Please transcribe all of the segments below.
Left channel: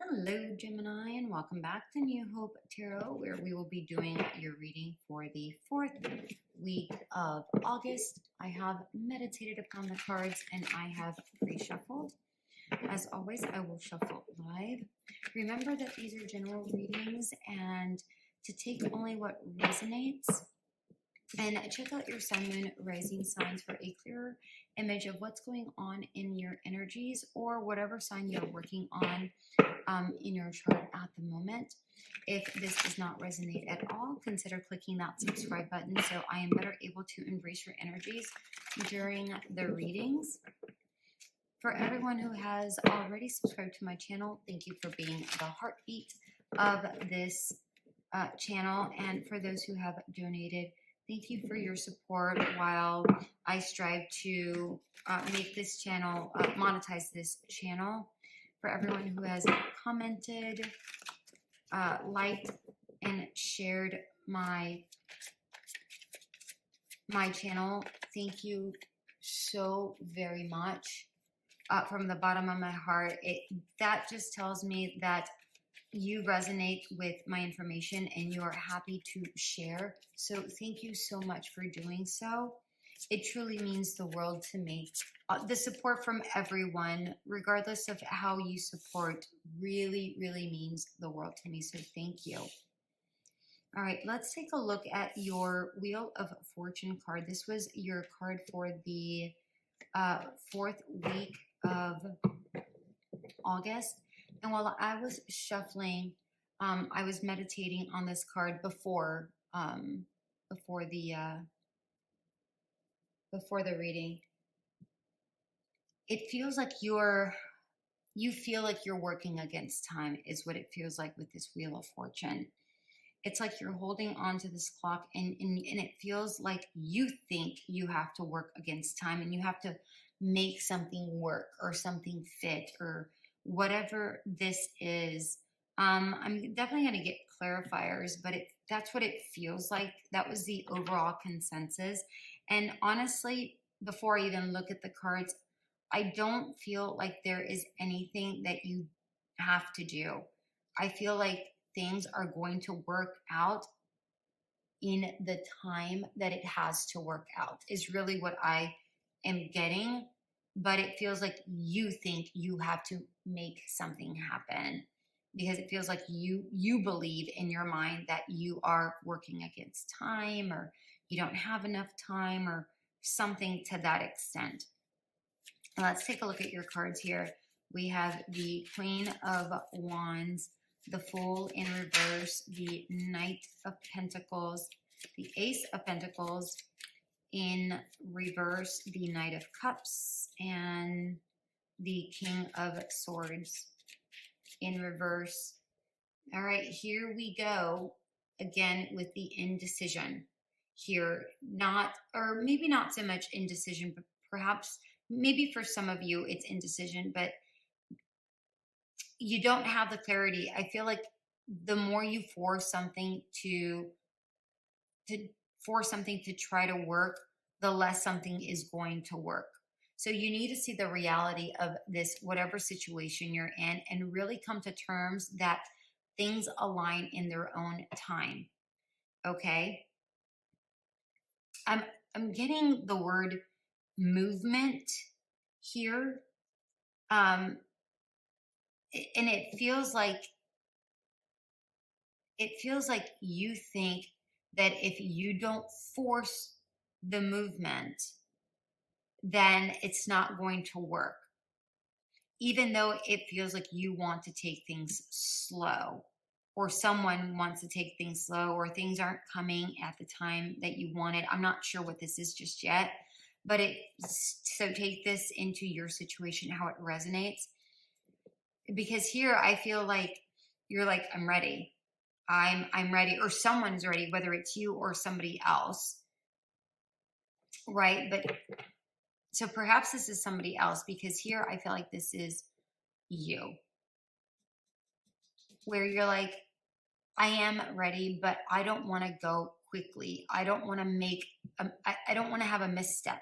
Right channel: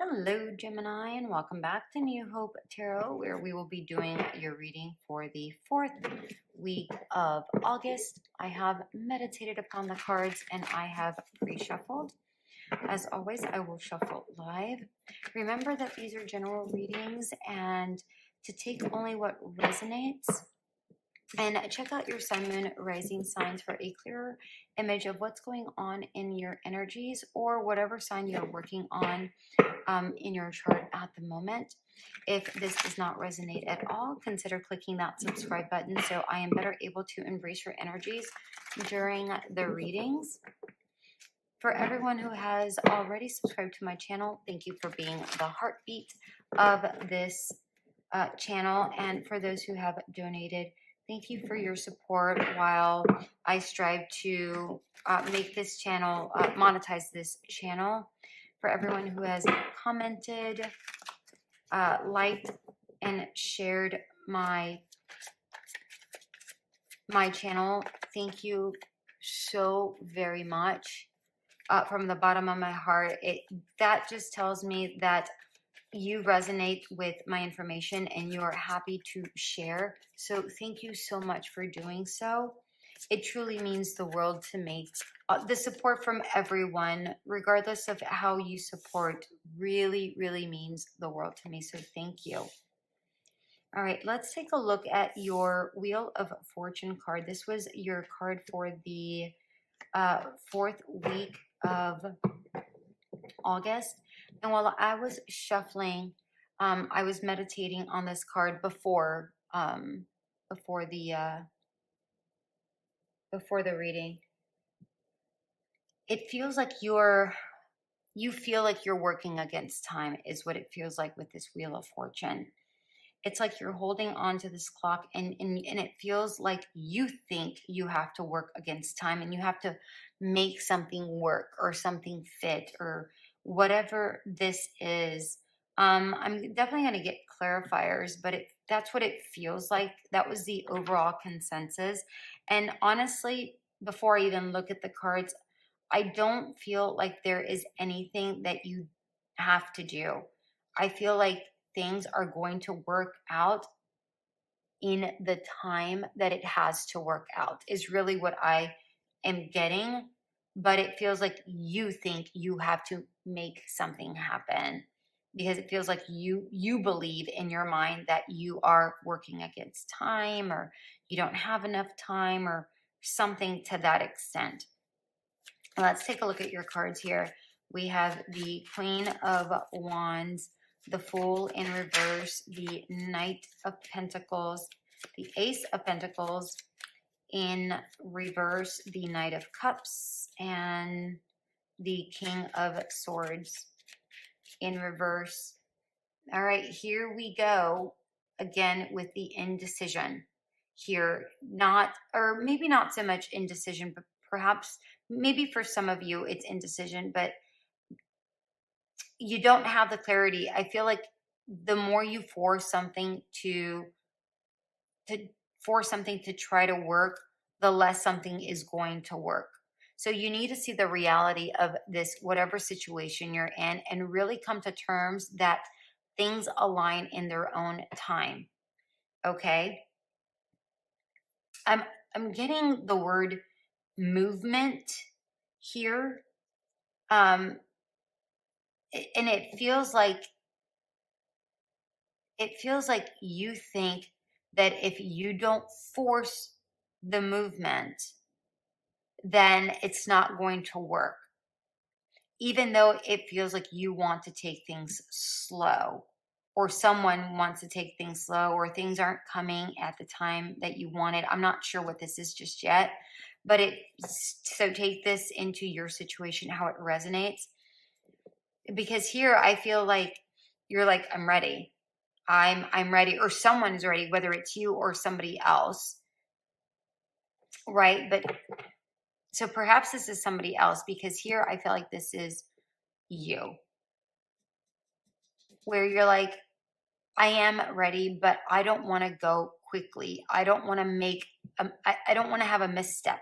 Hello, Gemini, and welcome back to New Hope Tarot, where we will be doing your reading for the 4th week of August. I have meditated upon the cards and I have pre-shuffled. As always, I will shuffle live. Remember that these are general readings and to take only what resonates. And check out your sun, moon, rising signs for a clearer image of what's going on in your energies or whatever sign you're working on in your chart at the moment. If this does not resonate at all, consider clicking that subscribe button so I am better able to embrace your energies during the readings. For everyone who has already subscribed to my channel, thank you for being the heartbeat of this channel. And for those who have donated, thank you for your support while I strive to make this channel, monetize this channel. For everyone who has commented, liked, and shared my channel, thank you so very much. From the bottom of my heart, that just tells me that you resonate with my information and you are happy to share. So thank you so much for doing so. It truly means the world to me. The support from everyone, regardless of how you support, really, really means the world to me. So thank you. All right, let's take a look at your Wheel of Fortune card. This was your card for the 4th week of August. And while I was shuffling, I was meditating on this card before the reading. It feels like you feel like you're working against time is what it feels like with this Wheel of Fortune. It's like you're holding on to this clock and it feels like you think you have to work against time and you have to make something work or something fit or whatever this is. I'm definitely going to get clarifiers, but that's what it feels like. That was the overall consensus. And honestly, before I even look at the cards, I don't feel like there is anything that you have to do. I feel like things are going to work out in the time that it has to work out, is really what I am getting. But it feels like you think you have to make something happen because it feels like you believe in your mind that you are working against time or you don't have enough time or something to that extent. Let's take a look at your cards here. We have the Queen of Wands, the Fool in reverse, the Knight of Pentacles, the Ace of Pentacles in reverse, the Knight of Cups, and the King of Swords in reverse. All right, here we go again with the indecision here. Not, or maybe not so much indecision, but perhaps maybe for some of you it's indecision, but you don't have the clarity. I feel like the more you force something to try to work, the less something is going to work. So you need to see the reality of this, whatever situation you're in, and really come to terms that things align in their own time. Okay. I'm getting the word movement here. And it feels like you think that if you don't force the movement, then it's not going to work. Even though it feels like you want to take things slow, or someone wants to take things slow, or things aren't coming at the time that you wanted. I'm not sure what this is just yet, but so take this into your situation, how it resonates. Because here I feel like you're like, I'm ready. I'm ready, or someone is ready, whether it's you or somebody else. Right? But so perhaps this is somebody else, because here I feel like this is you, where you're like, I am ready, but I don't want to go quickly. I don't want to I don't want to have a misstep.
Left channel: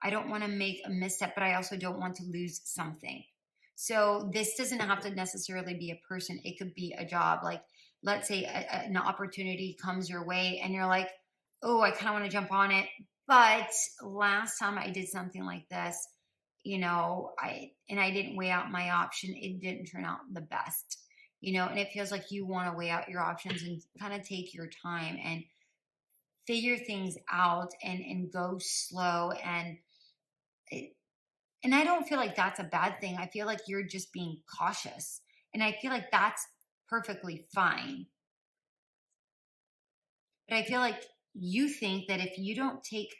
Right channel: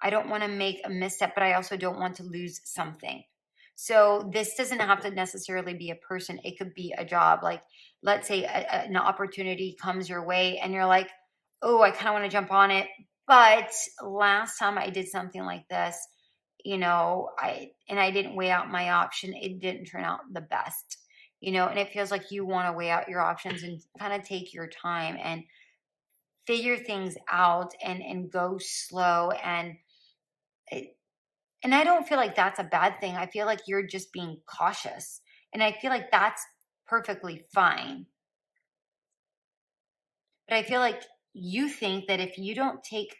I don't want to make a misstep, but I also don't want to lose something. So this doesn't have to necessarily be a person. It could be a job. Like, let's say an opportunity comes your way and you're like, oh, I kind of want to jump on it. But last time I did something like this, I didn't weigh out my option. It didn't turn out the best, and it feels like you want to weigh out your options and kind of take your time and figure things out and go slow and I don't feel like that's a bad thing. I feel like you're just being cautious. And I feel like that's perfectly fine. But I feel like you think that if you don't take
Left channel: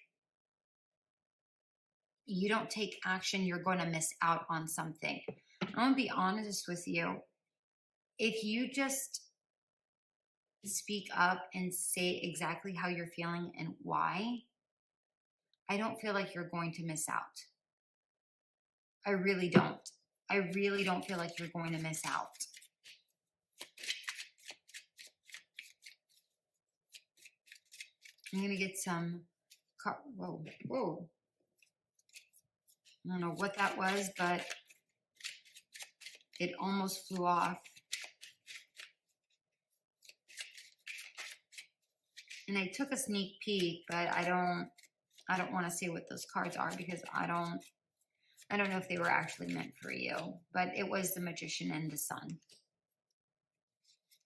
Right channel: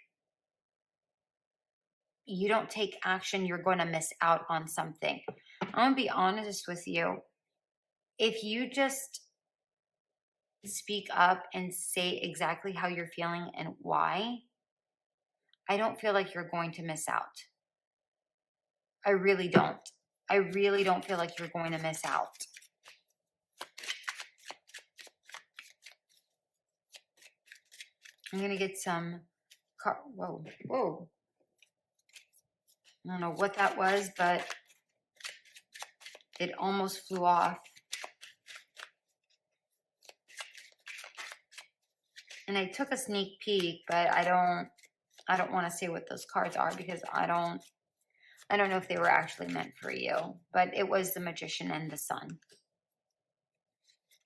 action, you're going to miss out on something. I'm going to be honest with you. If you just speak up and say exactly how you're feeling and why, I don't feel like you're going to miss out. I really don't. I really don't feel like you're going to miss out. I'm going to get some whoa, whoa. I don't know what that was, but it almost flew off. And I took a sneak peek, but I don't want to say what those cards are because I don't know if they were actually meant for you. But it was the Magician and the Sun.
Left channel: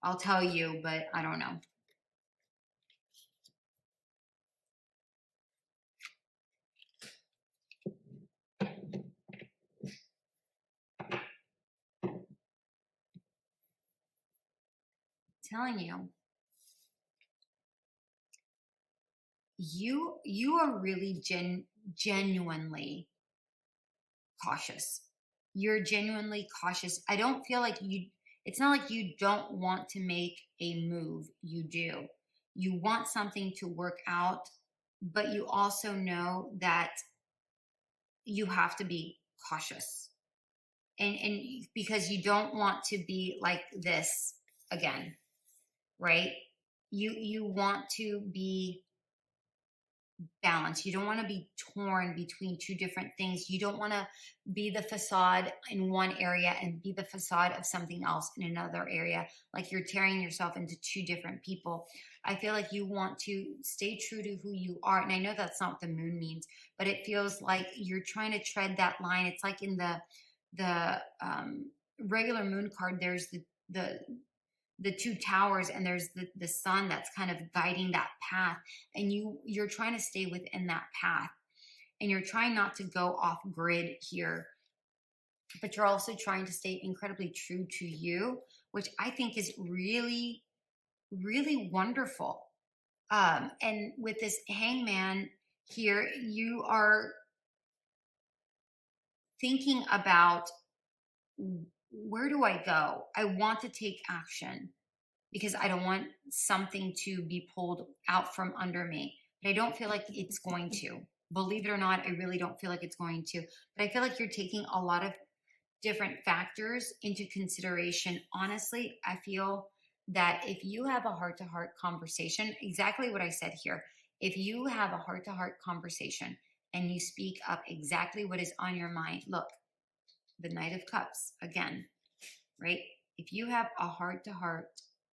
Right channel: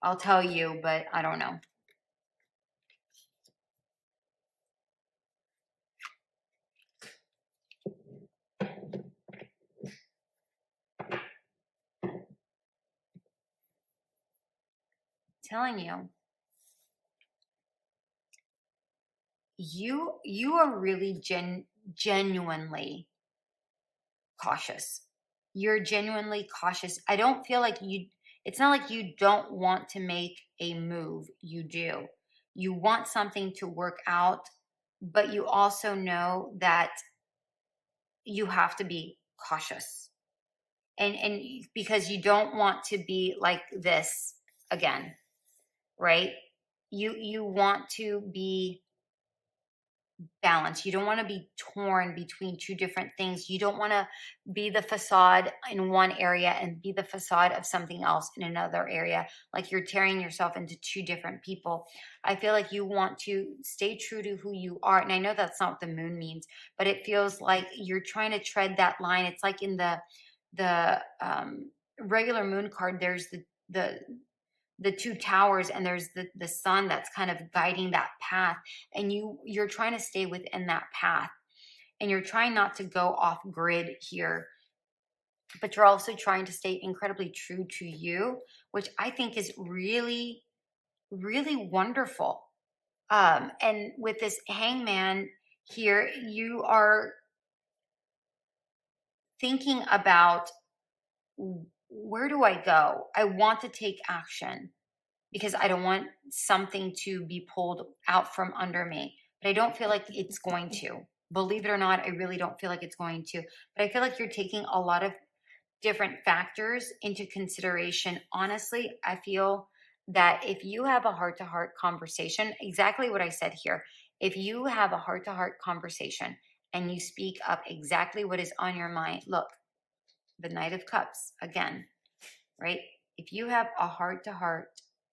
I'll tell you, but I don't know. Telling you are really genuinely cautious. You're genuinely cautious. I don't feel like it's not like you don't want to make a move. You do. You want something to work out, but you also know that you have to be cautious. And because you don't want to be like this again, right? You want to be balance. You don't want to be torn between two different things. You don't want to be the facade in one area and be the facade of something else in another area. Like you're tearing yourself into two different people. I feel like you want to stay true to who you are. And I know that's not what the moon means, but it feels like you're trying to tread that line. It's like in the regular moon card, there's the two towers and there's the sun that's kind of guiding that path, and you're trying to stay within that path, and you're trying not to go off grid here, but you're also trying to stay incredibly true to you, which I think is really really wonderful. And with this Hangman here, you are thinking about, where do I go? I want to take action because I don't want something to be pulled out from under me. But I don't feel like it's going to. Believe it or not, I really don't feel like it's going to. But I feel like you're taking a lot of different factors into consideration. Honestly, I feel that if you have a heart to heart conversation, exactly what I said here, if you have a heart to heart conversation and you speak up exactly what is on your mind, look, the Knight of Cups again, right? If you have a heart to heart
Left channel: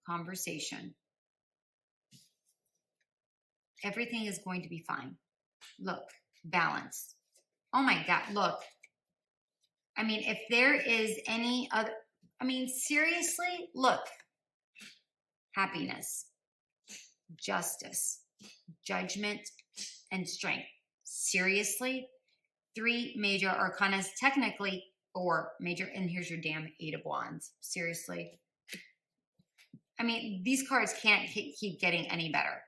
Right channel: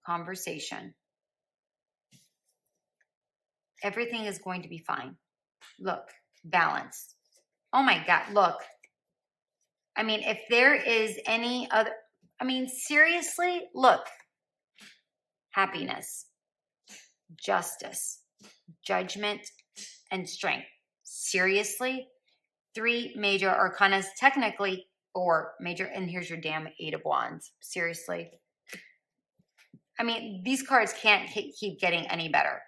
conversation, everything is going to be fine. Look, balance. Oh my God, look. I mean, if there is any other, I mean, seriously, look. Happiness, justice, judgment, and strength. Seriously, three major arcanas, technically four major, and here's your damn Eight of Wands. Seriously. I mean, these cards can't keep getting any better.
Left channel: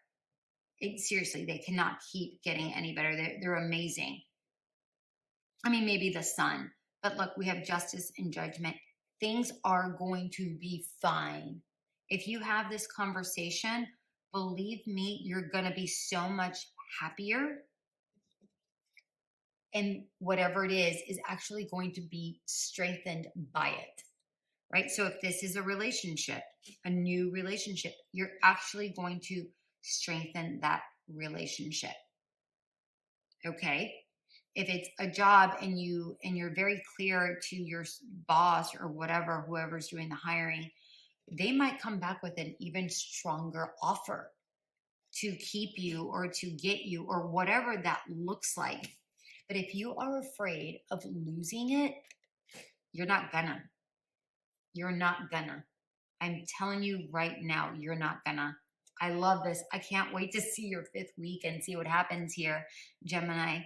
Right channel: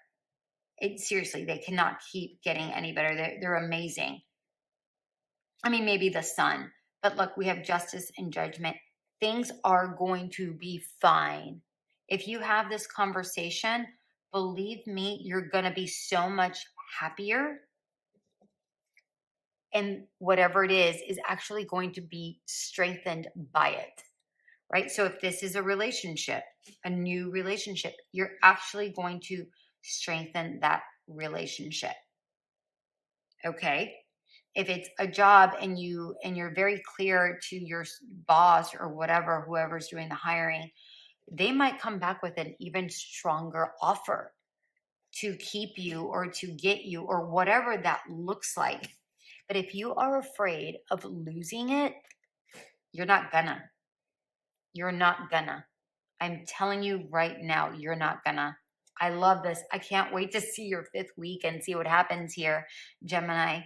Seriously, they cannot keep getting any better. They're amazing. I mean, maybe the Sun, but look, we have justice and judgment. Things are going to be fine. If you have this conversation, believe me, you're going to be so much happier. And whatever it is actually going to be strengthened by it, right? So if this is a relationship, a new relationship, you're actually going to strengthen that relationship. Okay. If it's a job and you're very clear to your boss or whatever, whoever's doing the hiring, they might come back with an even stronger offer to keep you or to get you or whatever that looks like. But if you are afraid of losing it, you're not gonna. You're not gonna. I'm telling you right now, you're not gonna. I love this. I can't wait to see your fifth week and see what happens here, Gemini.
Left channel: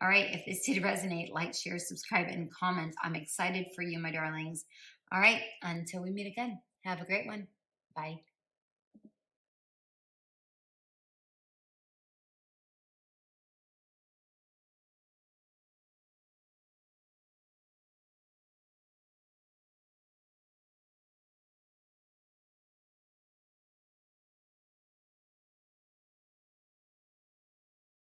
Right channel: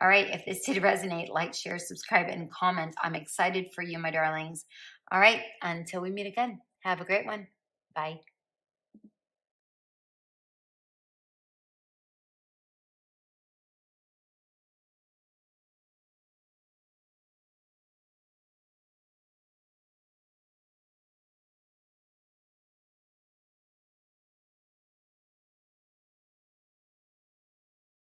All right. If this did resonate, like, share, subscribe, and comment. I'm excited for you, my darlings. All right. Until we meet again, have a great one. Bye.